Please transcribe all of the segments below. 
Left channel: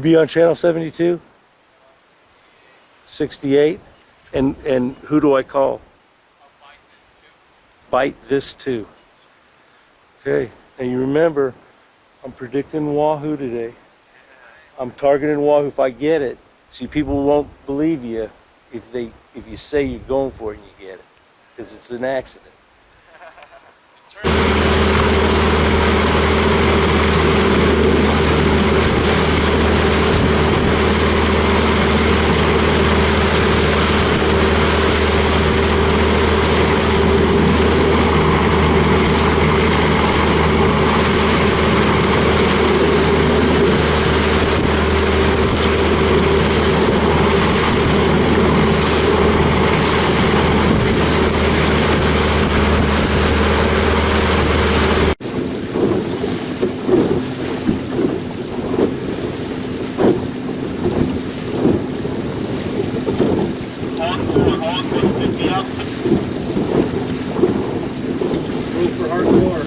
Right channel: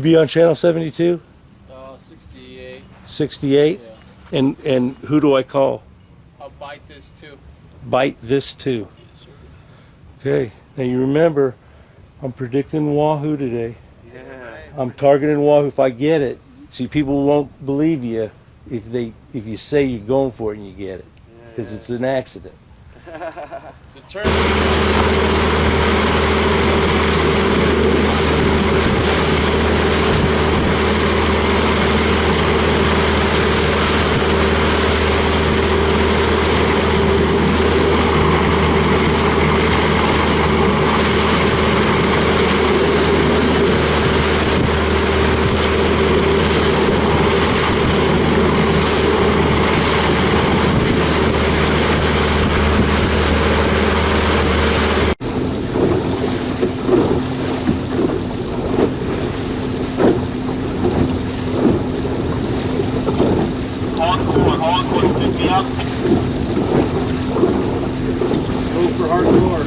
You be on channel 72? 68. 68? Yeah. And who do I call? I'll bite this too. Bite this too. Okay. Now you remember, I'm predicting wahoo today. Yeah. I'm targeting wahoo if I get it. See, people won't believe you if you say you're going for it and you get it, because it's an accident. The turn. Move for hardcore.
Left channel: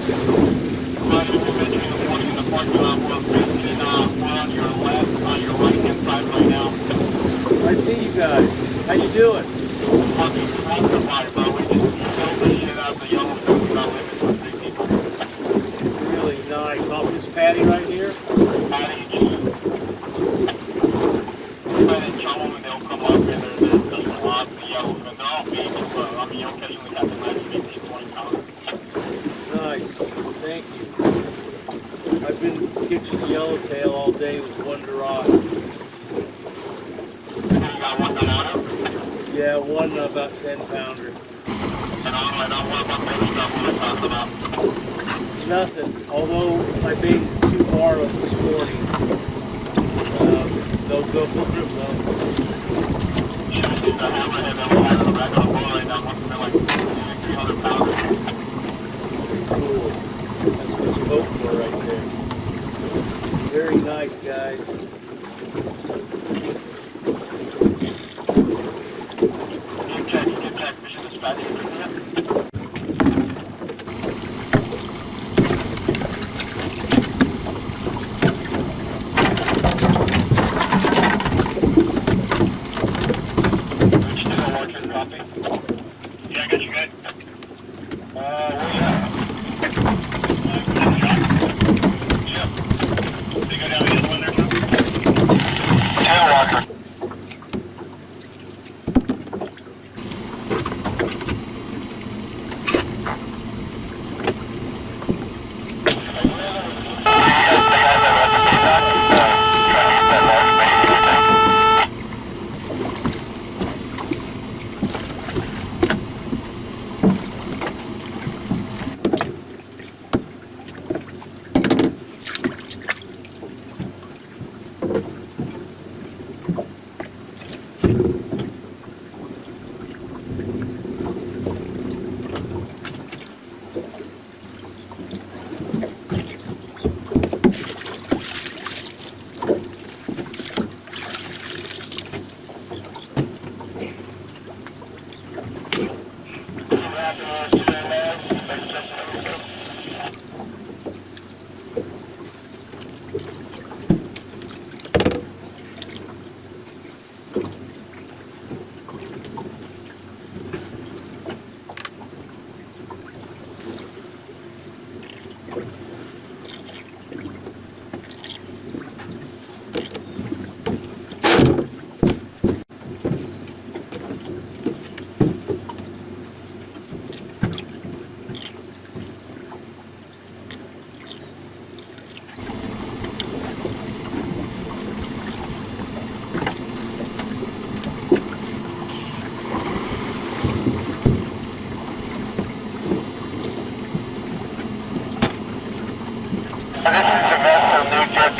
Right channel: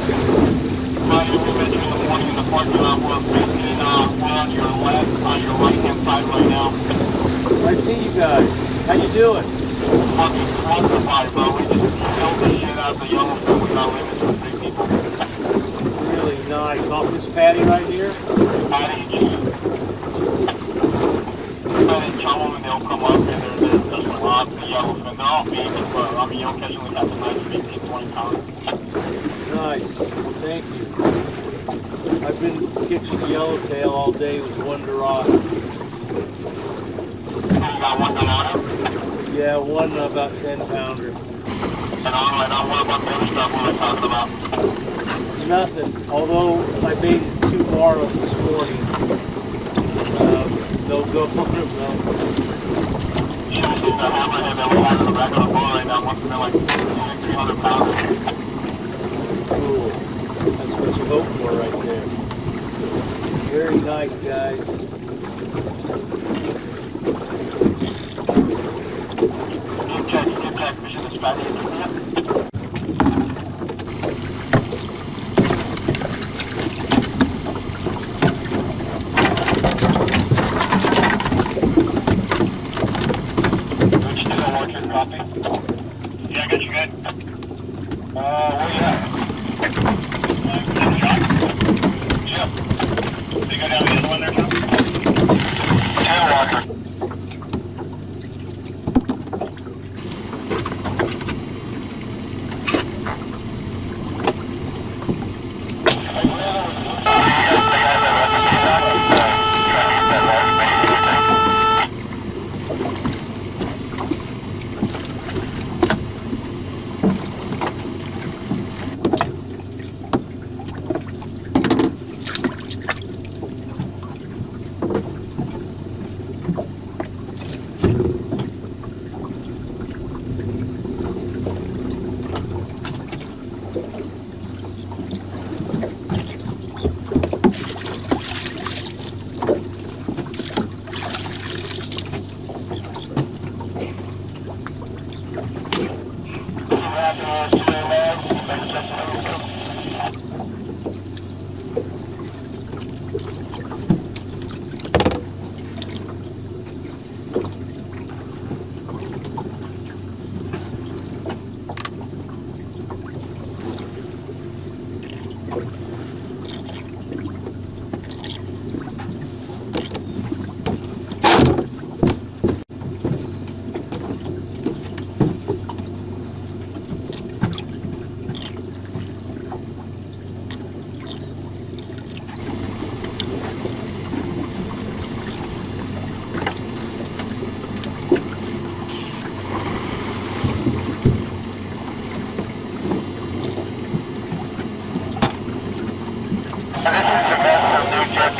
Right, we met you in the morning in the parking lot. We're facing, we're on your left, on your right-hand side right now. I see you guys. How you doing? Fucking classified, bro. We just killed the shit out of the Yellowfin. We got limits for 3 people. Really nice. Off this patty right here? Patty, just try to chum them and they'll come up and there's a lot of the Yellowfin. They're all babies, but I mean, you'll occasionally have to nice 15, 20 pounds. Nice. Thank you. I've been catching yellowtail all day with one Dorado. You got one Dorado? Yeah, one about 10-pounder. And on what about the other stuff we were talking about? Nothing. Although I made 2 barrows this morning. They'll go for them though. Should have seen the hammerhead that we have in the back of the boat right now. Must have been like 300 pounds. Cool. That's what you hope for right there. Very nice, guys. Skip check, mission dispatch. Yeah, I got you good. Where you at? Yep. They go down the other one there, too? Tail walker.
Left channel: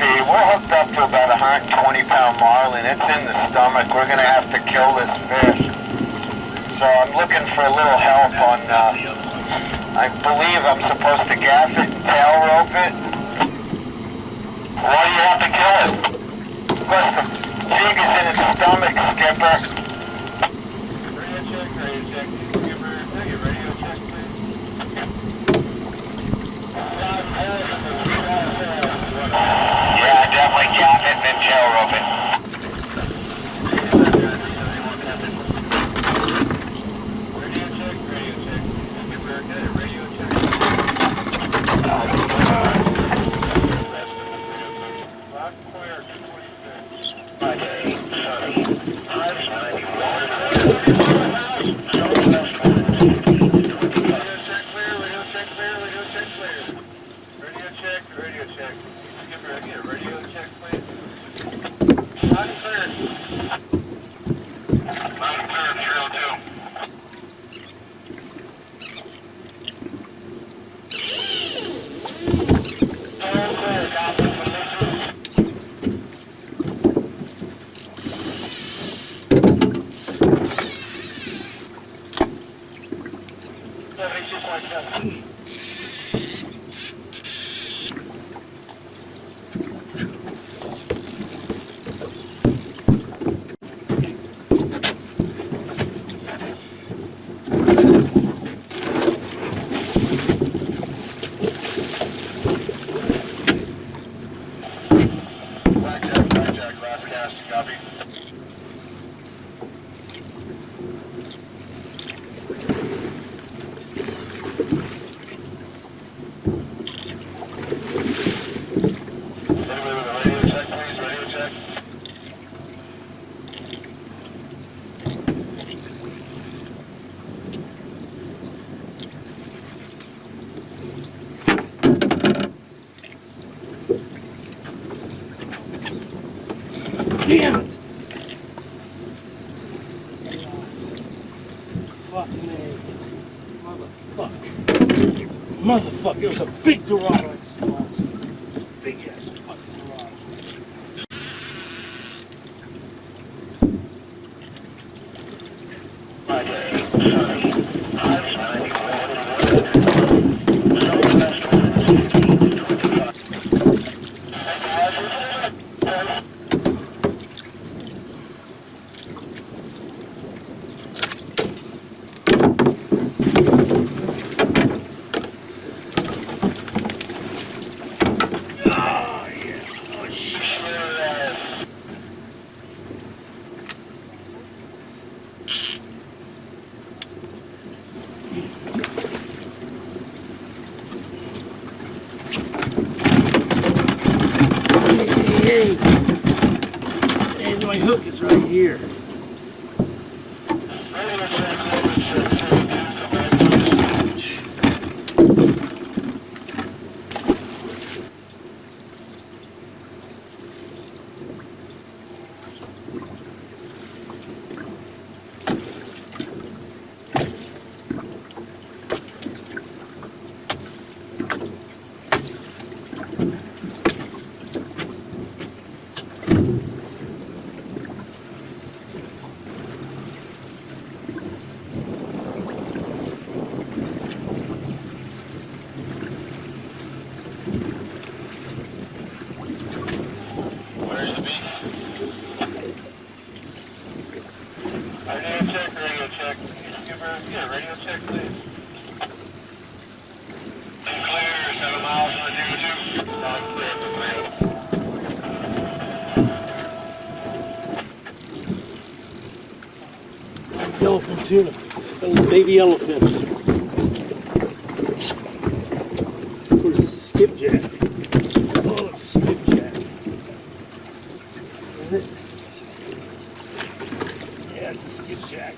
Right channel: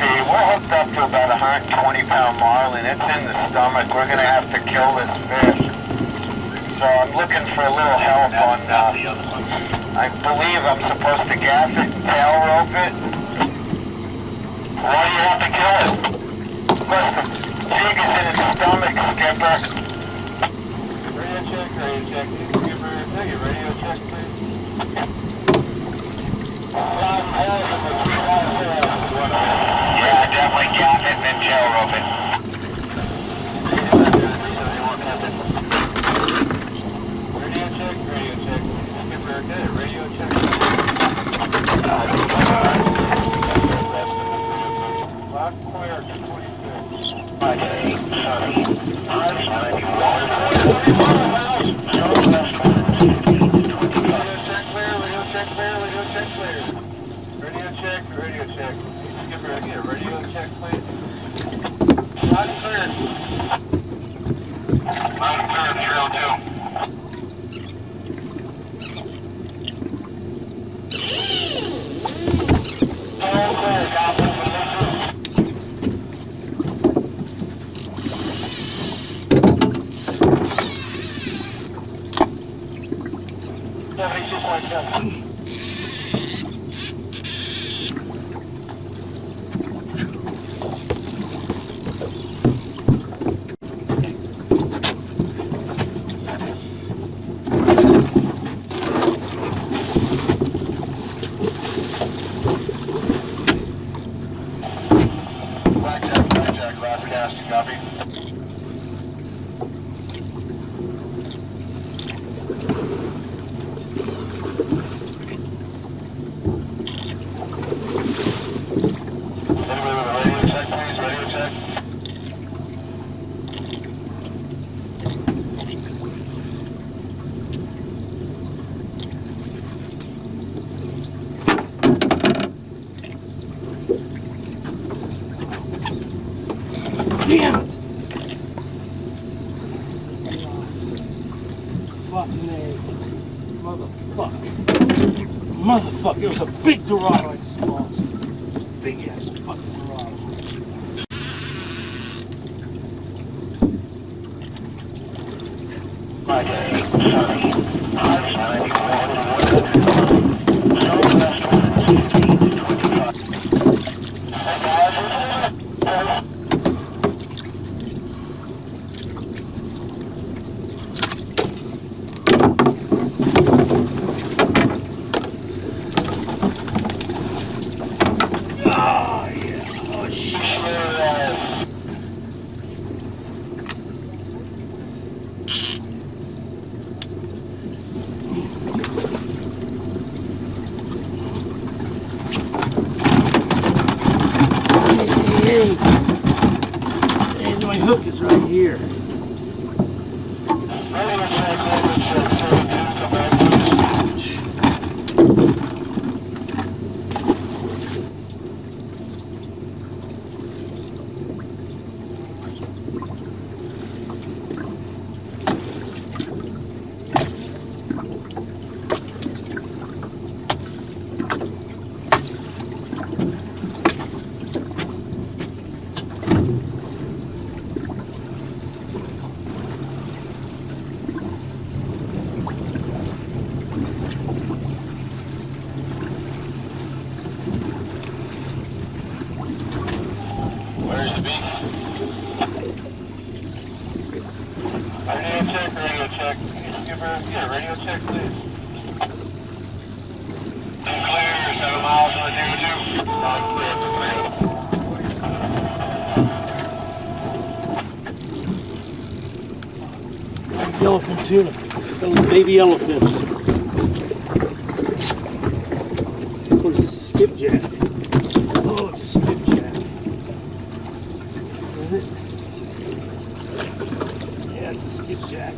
We're hooked up to about a 120-pound marlin. It's in the stomach. We're going to have to kill this fish. So I'm looking for a little help on, I believe I'm supposed to gaff it and tail rope it. Why do you have to kill it? Because the jig is in its stomach, Skipper. Radio check, Skipper. Hey, radio check, please. Yeah, definitely gaff it and then tail rope Radio check. Skipper, again, radio check, please. Line clear. Line clear, 302. All clear, copy. 72.7. Blackjack, last cast, copy. Anybody with a radio check, please? Radio check. Damn it! Fucking A. Motherfucker. Motherfucker, it was a big Dorado I just lost. Big ass fucking Dorado. And my hook is right here. Where's the beast? Radio check. Skipper, yeah, radio check, please. Clear, 7 miles on the 02. Clear for 3. Yellowfin tuna. Little baby yellowfin. What is this? A skipjack? Oh, it's a skipjack. Is it? Yeah, it's a skipjack.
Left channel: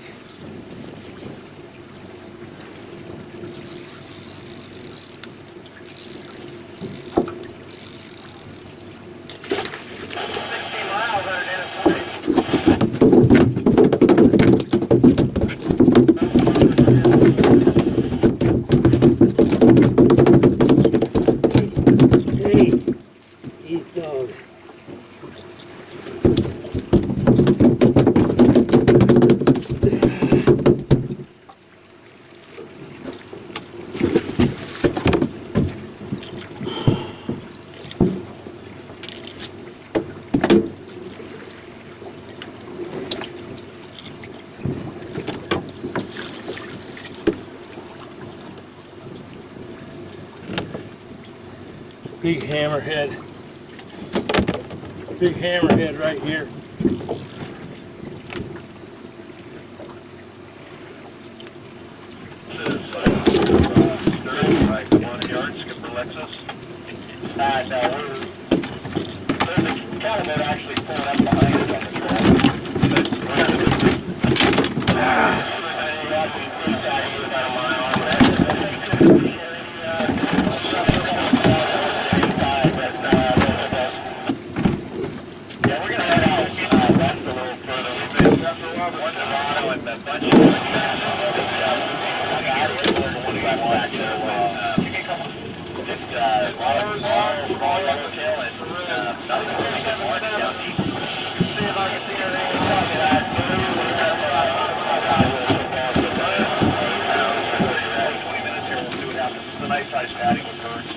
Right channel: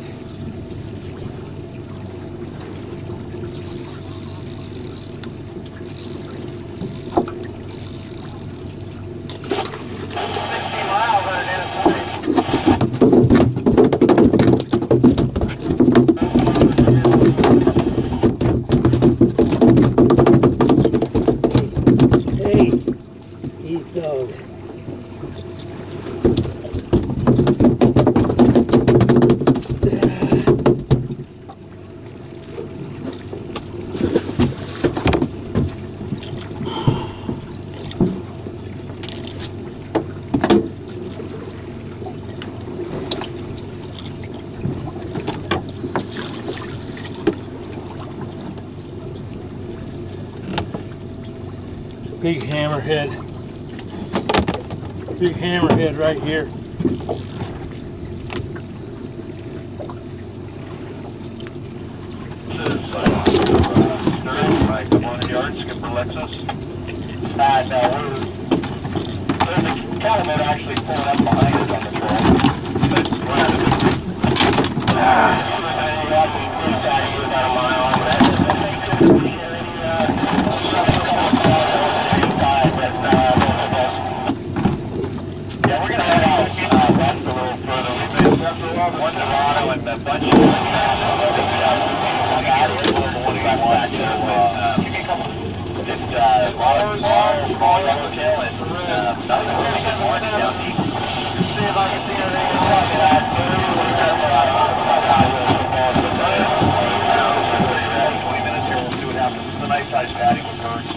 Big hammerhead. Big hammerhead right here. Right, 1 yard, Skipper Lexus. No, there's a cattleman actually pulling up behind us on one Dorado and a bunch of just small yellowtail and nothing really good morning down deep. See if I can see anything about that. 20 minutes here, we'll see what happens. It's a nice sized patty with birds.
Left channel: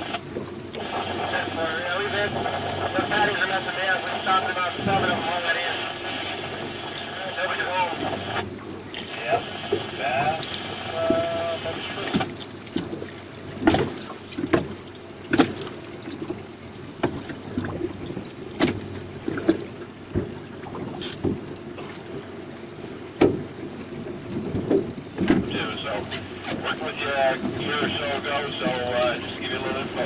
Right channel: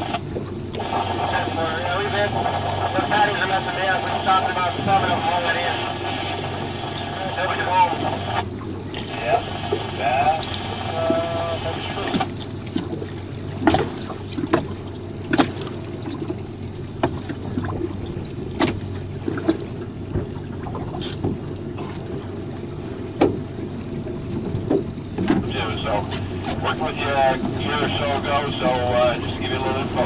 Yeah, we've had the patties are messing me up. We've stopped about 7 of them already. Nobody's home. Yep, that's true. So, worked with you a year or so ago, so just to give you a little info.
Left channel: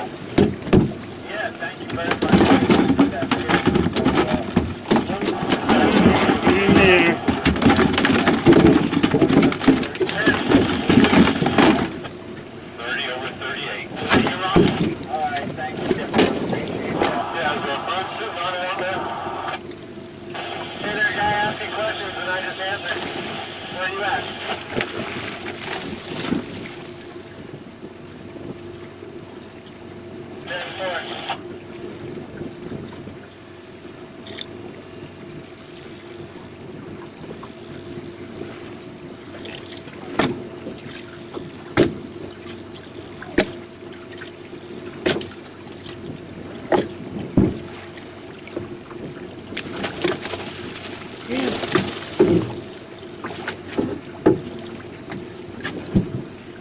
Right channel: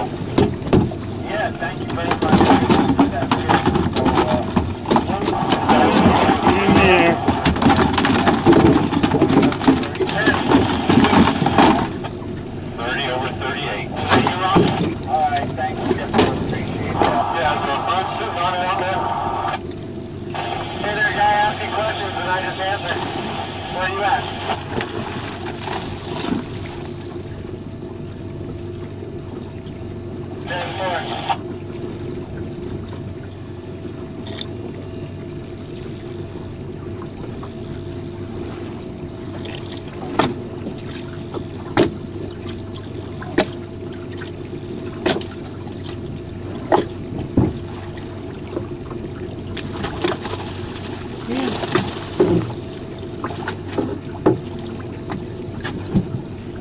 Yeah, thank you very much. That's good. So, 30 over 38. You're on? Alright, thank you. Appreciate it. Yeah, so bird sitting on it out there. Hey there, guy asking questions and I just answered. Where are you at?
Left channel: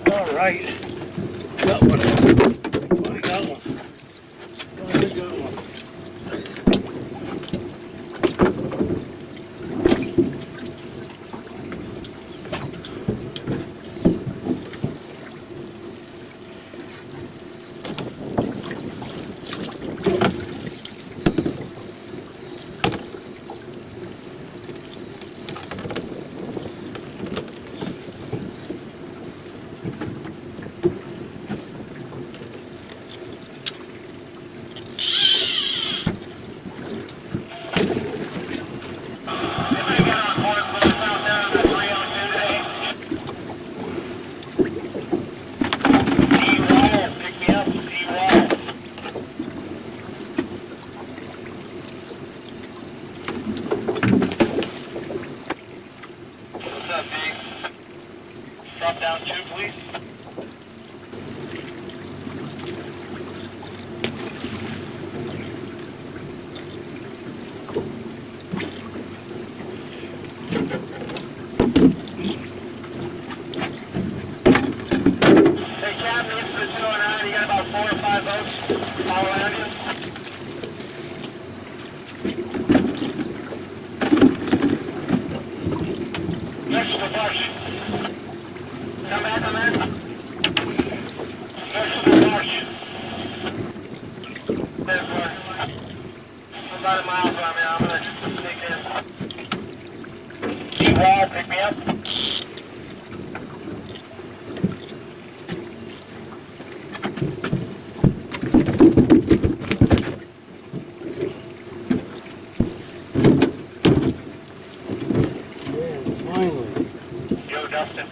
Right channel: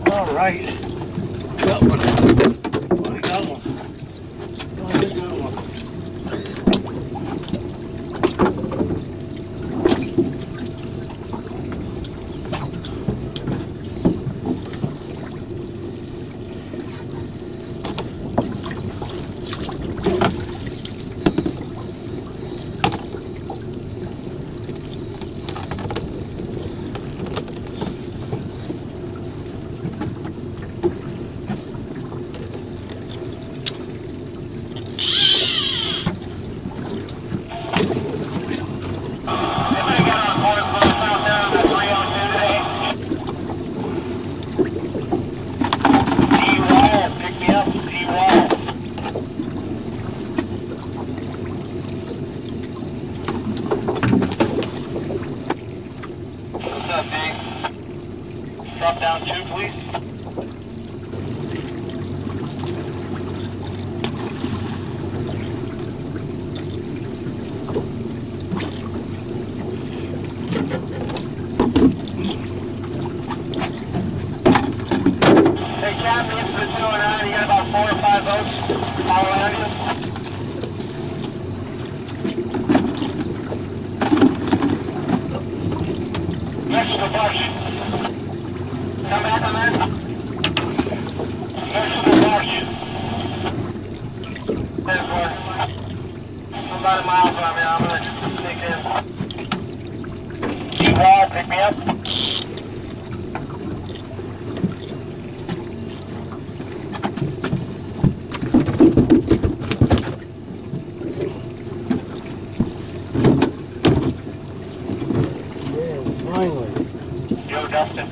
All right. Got one. I got one. Got a good one. Drop down 2, please. Hey, Captain, it's the 209. You got about 4 or 5 boats all around you. Next to the bush. Come back on that. Next to the bush. There's one. I'm about a mile from you. I'm going to sneak in. D-Wall, pick me up. Yeah, finally. Joe Dustin.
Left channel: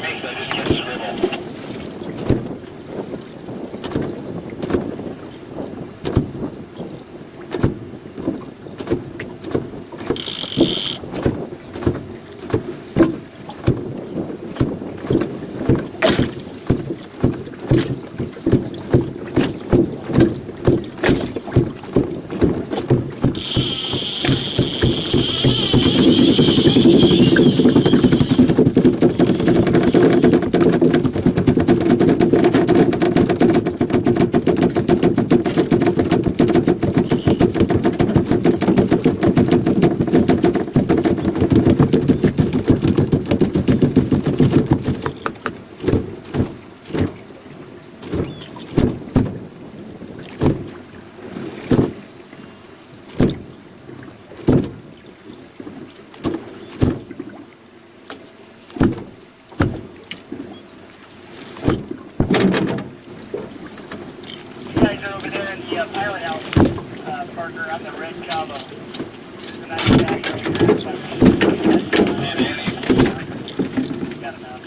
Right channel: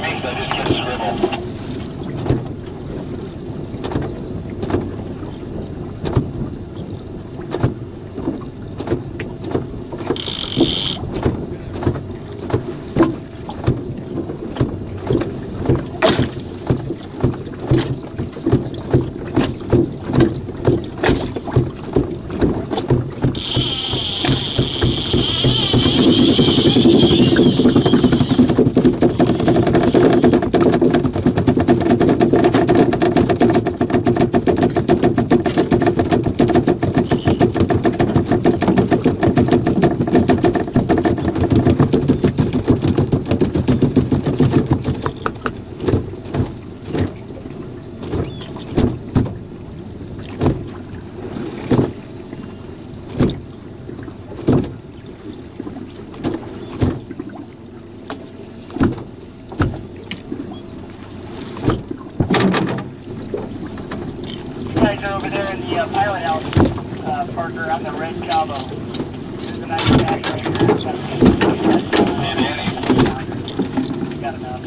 to me, so I just get a scribble. Guys are over there in the pilot house, Parker. I'm the red Cabo. There's a nice back right here. And Annie. Got enough.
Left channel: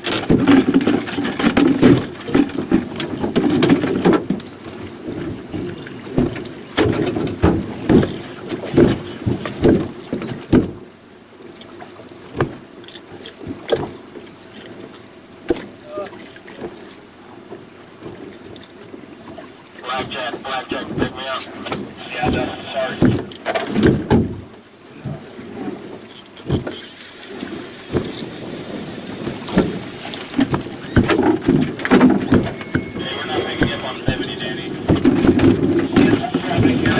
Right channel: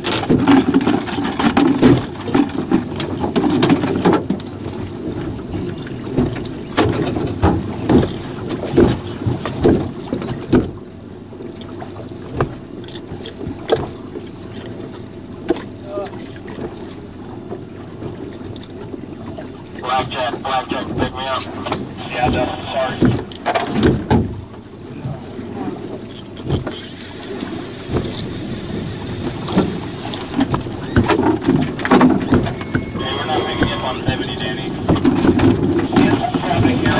Blackjack, pick me up. Yeah, Dustin, sorry. Hey, we're not picking you up on 70, Danny. Yes, traffic here,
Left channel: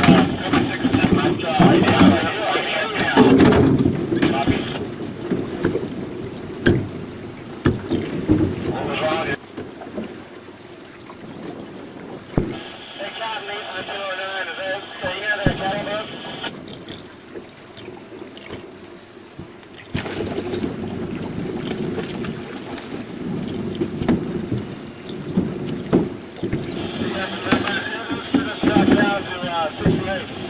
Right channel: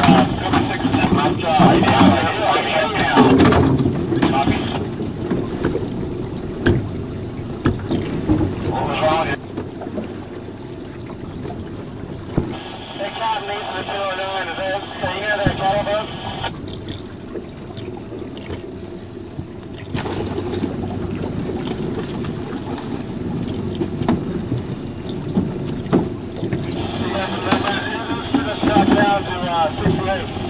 56% left, right now. Copy. What was wrong here? Hey, Captain, East of the 209, is that, are you near that cattle boat? Just drop down to 68.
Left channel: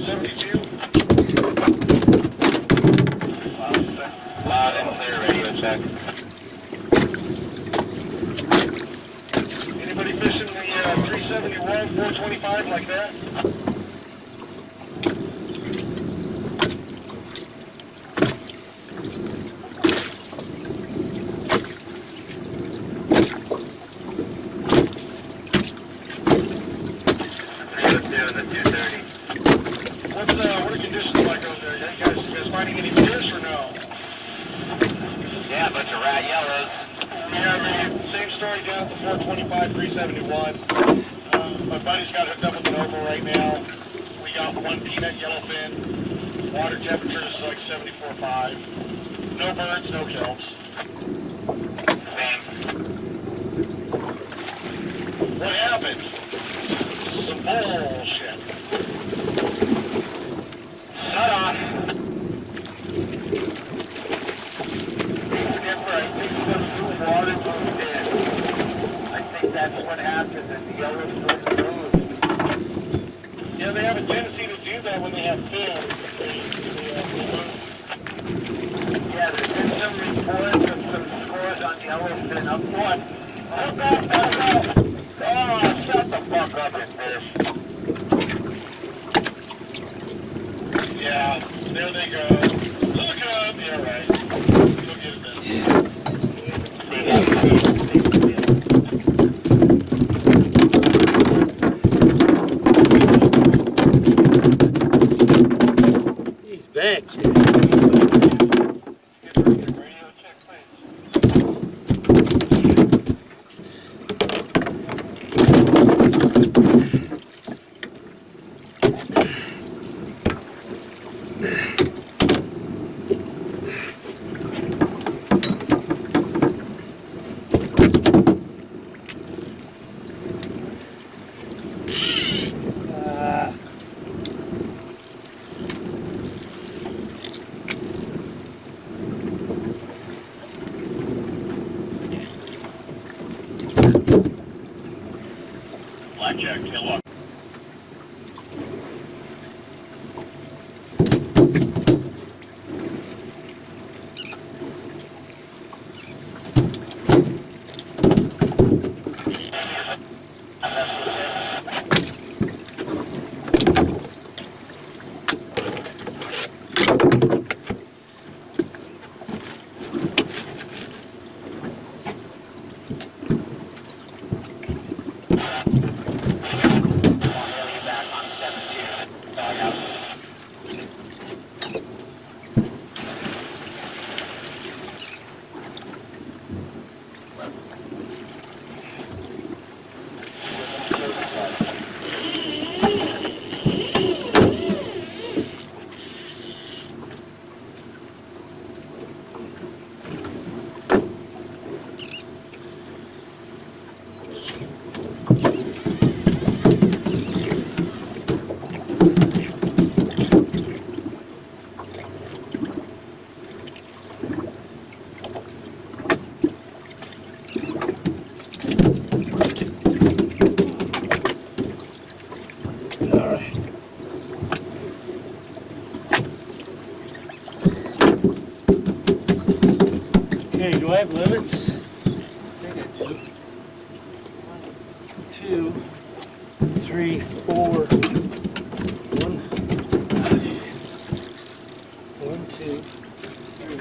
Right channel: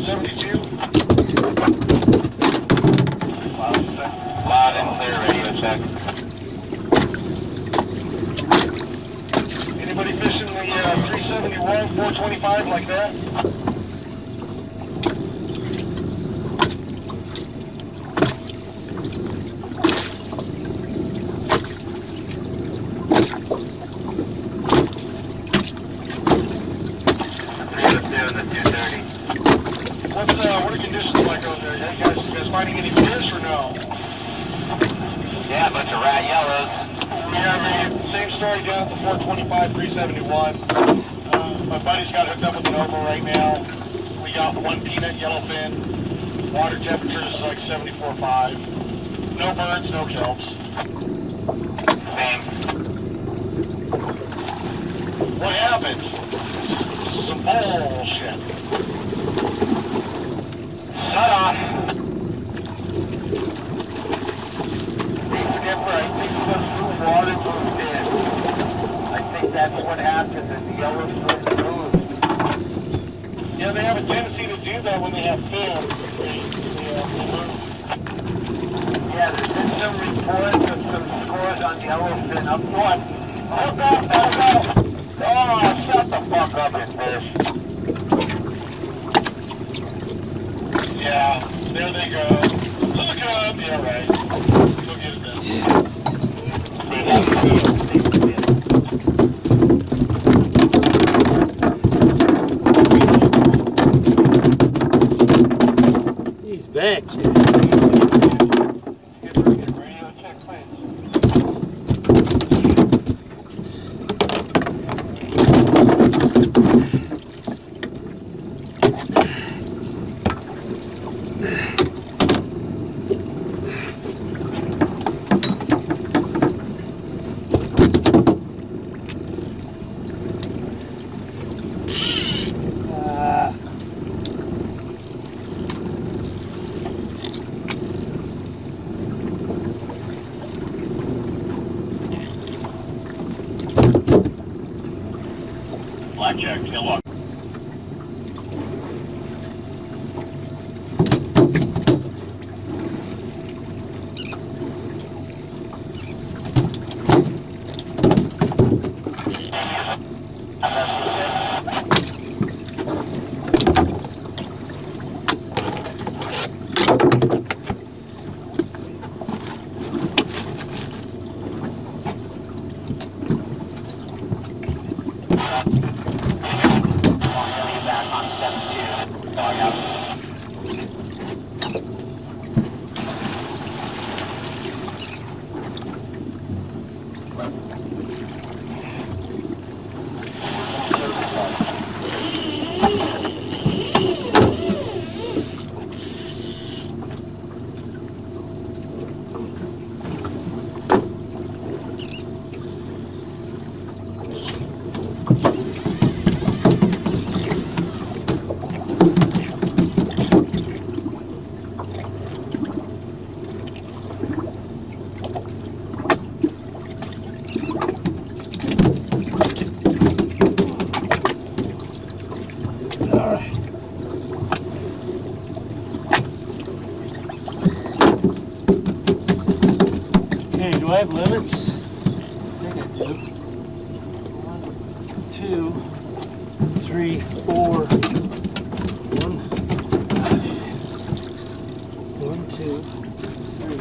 172. Loud and clear, radio check. Anybody fishing the 371, 425 like that? What are conditions like over there? You guys finding any fish or no? Yeah, a bunch of rat yellows. Yeah, I mean, same story down at the 425, 371. My buddy's got hooked up with an oval right now. We got one peanut yellowfin. Water temperature is like 74.5. No birds, no kelps. Same. What happened? Some bullshit. Shut off. Skipper, I think some new water moved in. I think that's what happened in the Yellowfin Tuna. Yeah, they have a tendency to do that when they have film. They move. Yeah, there's been some reports of some scores on yellowfin up north. Look up, look up! Oh, shut the fuck up and fish. Yeah, there they go. Look up! Yeah, right. Go get it then. They have fish. He's back, Jay. Skipper, get radio check, please. Blackjack, tail walk. Okay, do I have limits? I think I do. 1, 2, 3, 4. 1, 2, 3.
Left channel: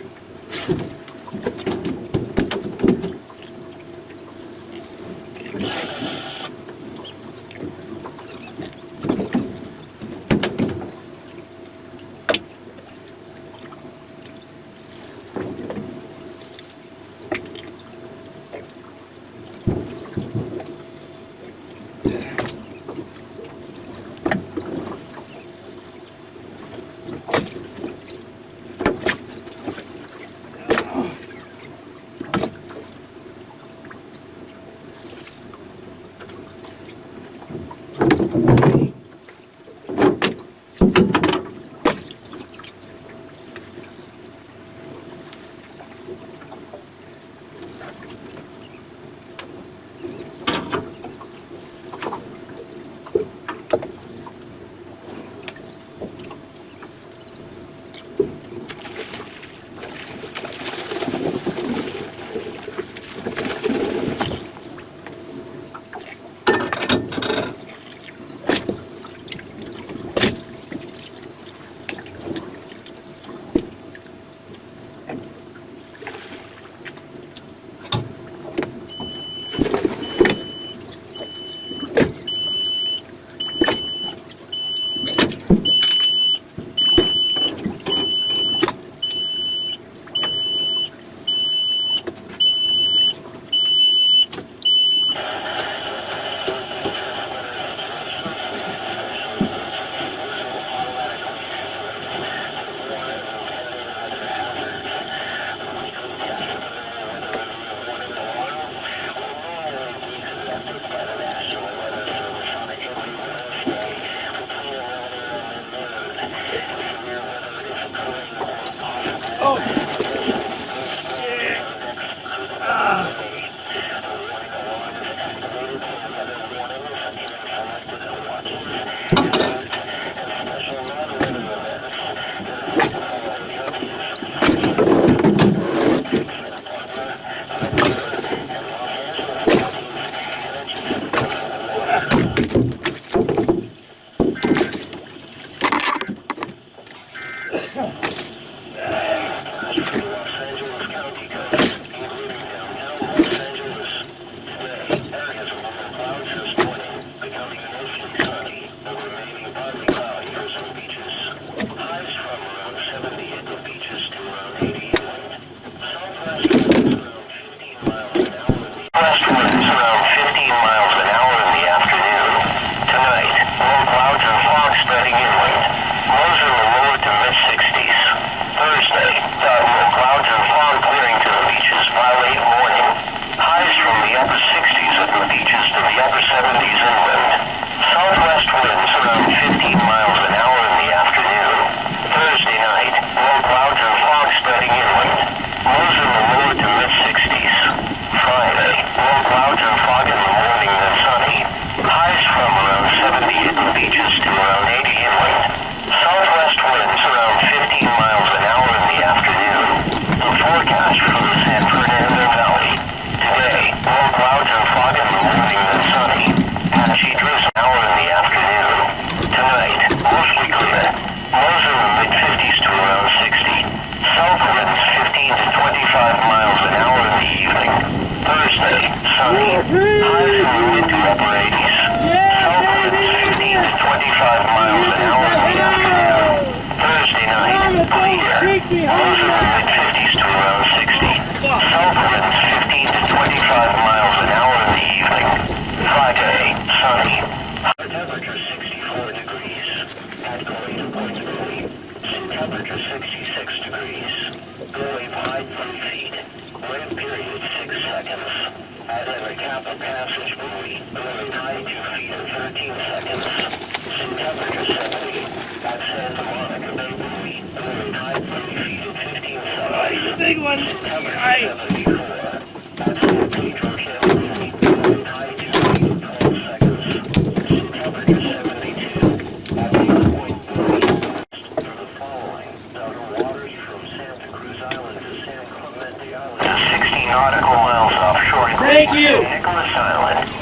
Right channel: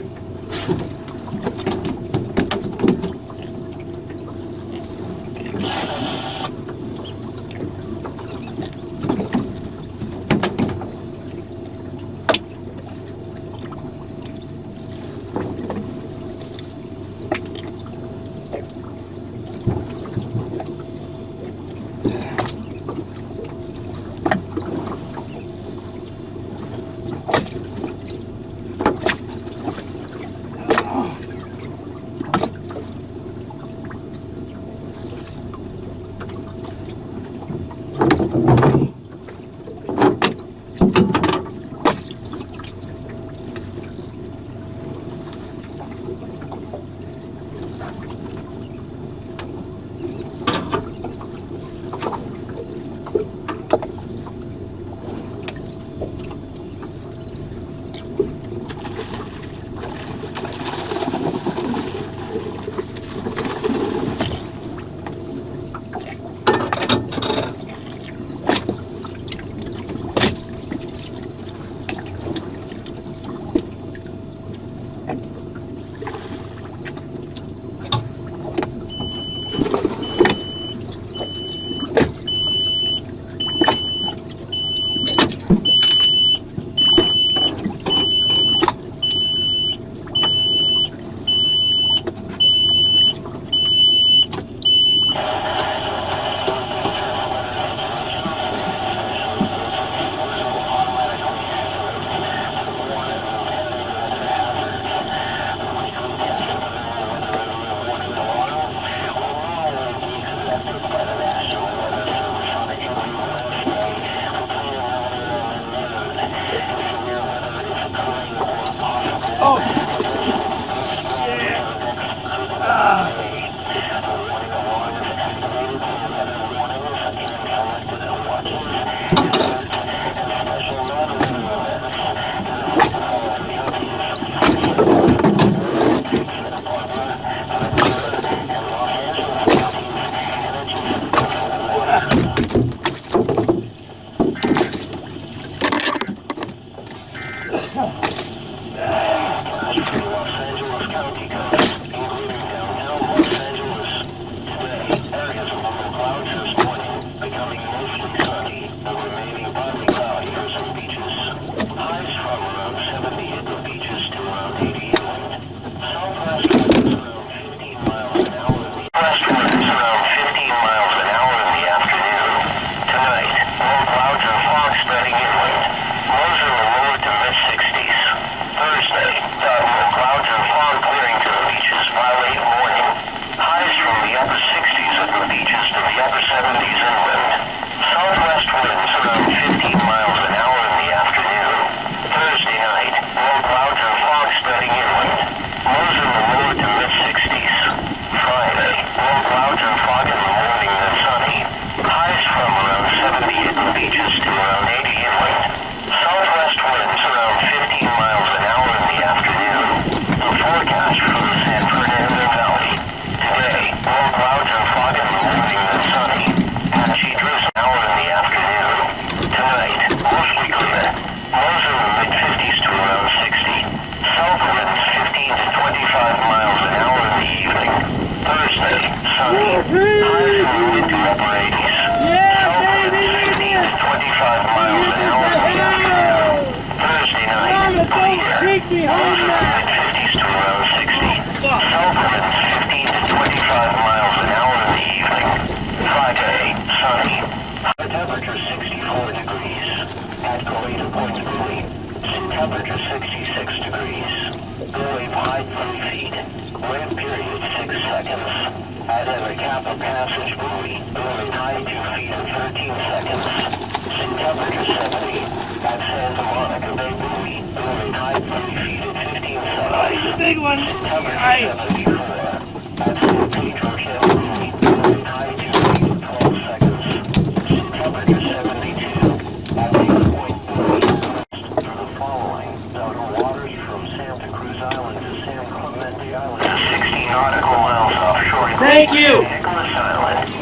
Thank you.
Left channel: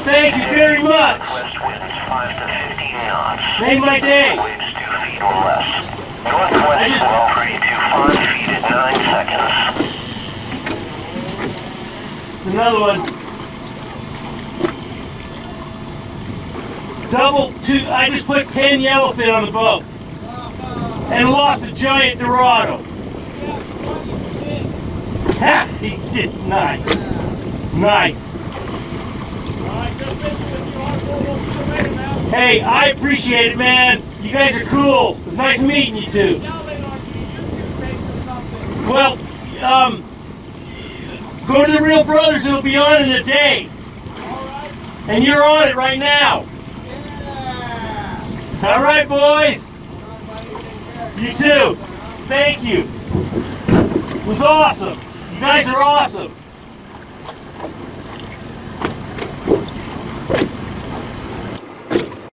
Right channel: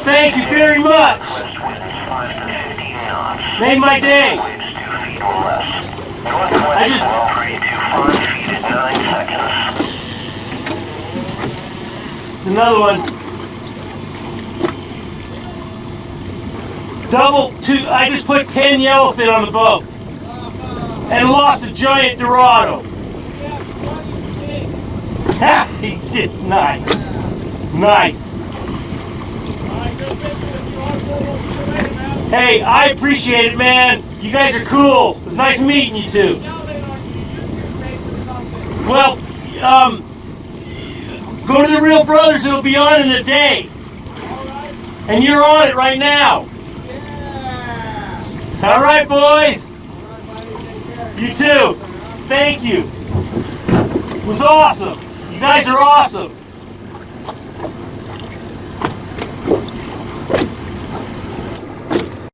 Thank you very much. Made my day. I just... Another one. Double two. I just put 10 yellowfin on the boat. And lost a giant Dorado. Ha! He did nice. Nice. Hey, I appreciate it, man. You guys are cool. It was nice meeting you two. Well, go to the Real Brothers. It'll be on in a day. And you're on it right now. All right, boys. You too. Thank you. It was awesome. You guys are awesome.